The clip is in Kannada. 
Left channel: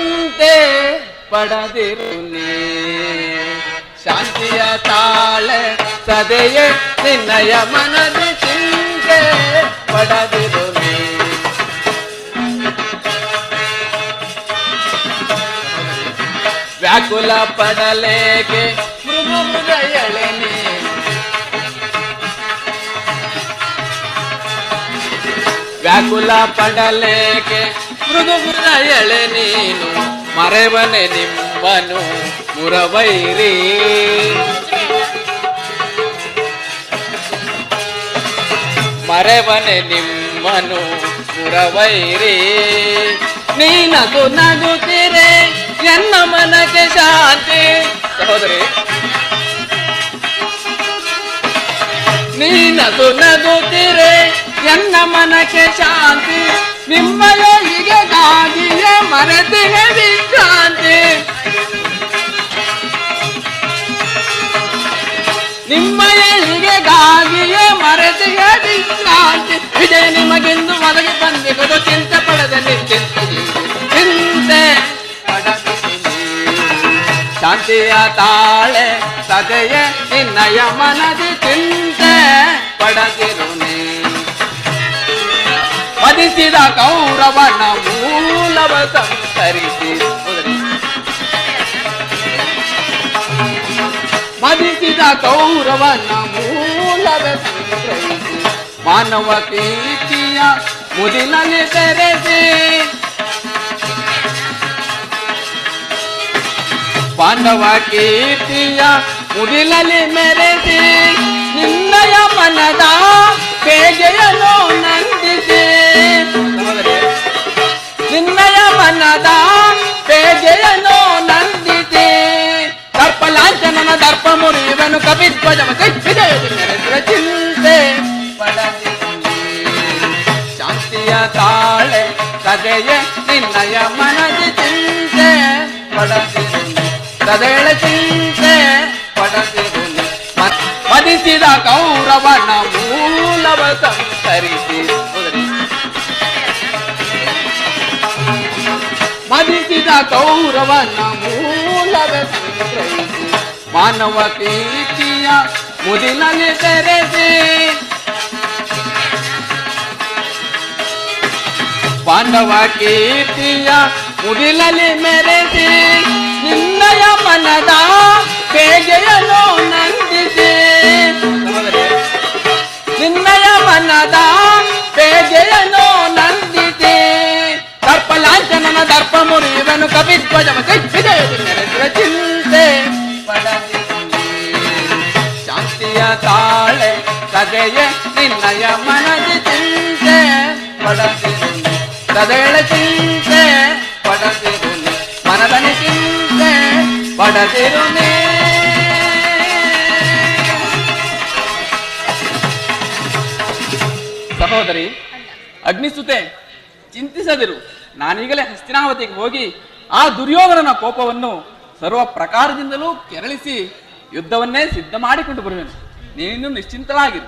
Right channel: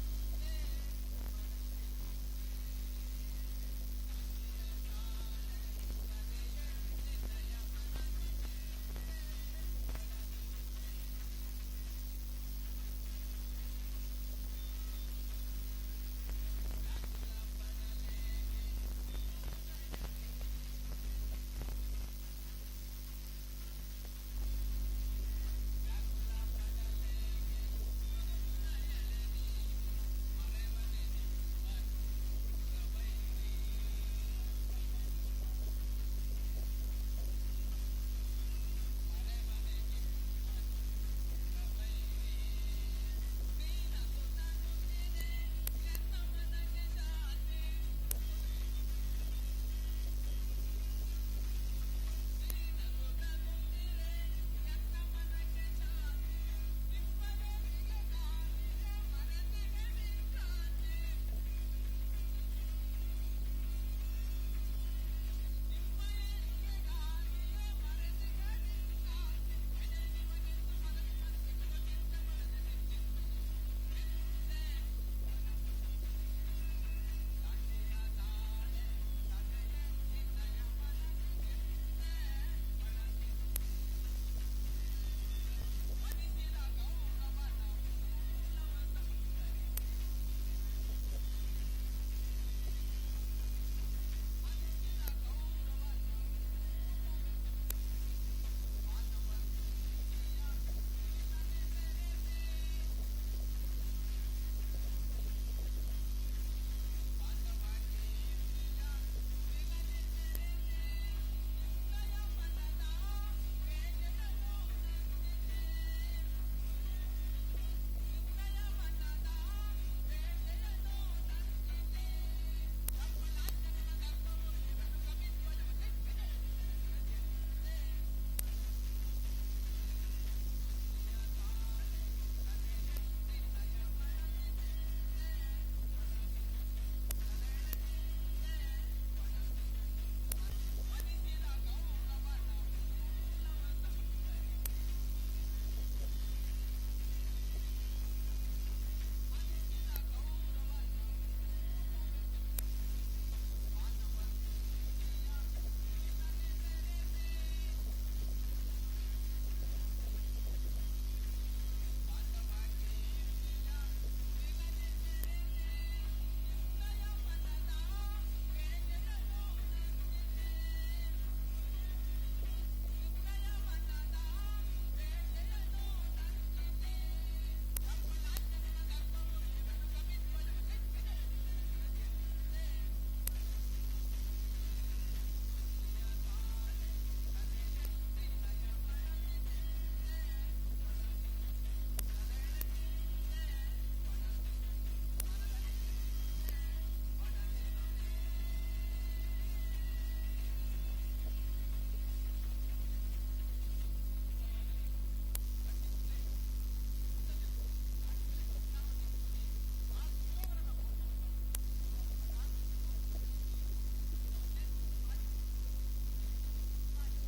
ಚಿಂತೆ ಪಡದಿರು ನೀ ಶಾಂತಿಯ ತಾಳೆ ಸದೆಯೇ ನಿನ್ನಯ ಮನದಿ ಚಿಂತೆ ಪಡದಿರು ನೀ ವ್ಯಾಕುಲ ಪಡಲೇಕೆ ಮೃದು ಮೃದಯಳೆ ನೀ ವ್ಯಾಕುಲ ಪಡಲೇಕೆ ಮೃದು ಮೃದಯಳೆ ನೀನು ಮರೆವನೆ ನಿಮ್ಮನು ಮುರವೈರಿ ಮರೆವನೆ ನಿಮ್ಮನು ಮುರವೈರಿ ನೀನದು ನಗುತ್ತಿರೆ ಎನ್ನ ಮನಕ್ಕೆ ಶಾಂತಿ ಸಹೋದರಿ ನೀನದು ನಗುತ್ತಿರೆ ಎನ್ನ ಮನಕ್ಕೆ ಶಾಂತಿ ನಿಮ್ಮಯ ಹೀಗೆಗಾಗಿಯೇ ಮರೆತಿಗೆ ವಿಶ್ರಾಂತಿ ನಿಮ್ಮಯ ಹೀಗೆಗಾಗಿಯೇ ಮರೆತಿಗೆ ವಿಶ್ರಾಂತಿ ವಿಜಯ ನಿಮಗೆಂದು ಒದಗಿ ಬಂದಿರುವುದು ಚಿಂತೆ ಪಡೆದ ನಿಶ್ಚಿಂತೆ ಚಿಂತೆ ಶಾಂತಿಯ ತಾಳೆ ಸದೆಯ ನಿನ್ನಯ ಮನದಿ ಚಿಂತೆ ಪಡದಿರು ನೀ ಮದಿಸಿದ ಕೌರವನ ಮೂಲವ ಸಂತರಿಸಿ ಮದಿಸಿದ ಕೌರವನ ಮೂಲವ ಸಂತರಿಸಿ ಮಾನವ ಕೀರ್ತಿಯ ಮುದಿನಲ್ಲಿ ತೆರೆಸಿ ಪಾಂಡವ ಕೀರ್ತಿಯ ಮುಡಿಲಲ್ಲಿ ಮೆರೆಸಿ ನಿನ್ನಯ ಮನದ ಬೇಗೆಯನ್ನು ನಂದಿಸಿ ನಿನ್ನಯ ಮನದ ಬೇಗೆಯನ್ನು ನಂದಿಸಿ ದರ್ಪ ಲಾಂಛನನ ದರ್ಪ ಮುರಿಯುವನು ಕಪಿಧ್ವಜವ ಕಚ್ಚಿದ ಚಿಂತೆ ಶಾಂತಿಯ ತಾಳೆ ಸದೆಯೇ ನಿನ್ನಯ ಮನದಿ ಚಿಂತೆ ಪಡದಿರು ಸದೆಳ ಚಿಂತೆ ಪಡದಿರು ಮದಿಸಿದ ಕೌರವನ ಮೂಲವ ಸಂತರಿಸಿ ಮದಿಸಿದ ಕೌರವನ ಮೂಲವ ಸಂತರಿಸಿ ಮಾನವ ಕೀರ್ತಿಯ ಮುದಿನಲ್ಲಿ ತೆರೆಸಿ ಪಾಂಡವ ಕೀರ್ತಿಯ ಮುಡಿಲಲ್ಲಿ ಮೆರೆಸಿ ನಿನ್ನಯ ಮನದ ಬೇಗೆಯನ್ನು ನಂದಿಸಿ ನಿನ್ನಯ ಮನದ ಬೇಗೆಯನ್ನು ನಂದಿಸಿ ದರ್ಪ ಲಾಂಛನನ ದರ್ಪ ಮುರಿಯುವನು ಕಪಿಧ್ವಜವ ಕಚ್ಚಿದ ಚಿಂತೆ ಶಾಂತಿಯ ತಾಳೆ ಸದೆಯೇ ನಿನ್ನಯ ಮನದಿ ಚಿಂತೆ ಪಡದಿರು ಸದೆಳ ಚಿಂತೆ ಪಡದಿರು ಮನದನಿ ಚಿಂತೆ ಪಡದಿರು ಸಹೋದರಿ ಅಗ್ನಿಸುತೆ ಚಿಂತಿಸದಿರು. ನಾನೀಗಲೇ ಹಸ್ತಿನಾವತಿಗೆ ಹೋಗಿ ಆ ದುರ್ಯೋಧನನ ಕೋಪವನ್ನು ಸರ್ವ ಪ್ರಕಾರದಿಂದಲೂ ಕೆರಳಿಸಿ ಯುದ್ಧವನ್ನೇ ಸಿದ್ಧ ಮಾಡಿಕೊಂಡು ಬರುವೆನು. ನೀನು ನಿಶ್ಚಿಂತಳಾಗಿರು.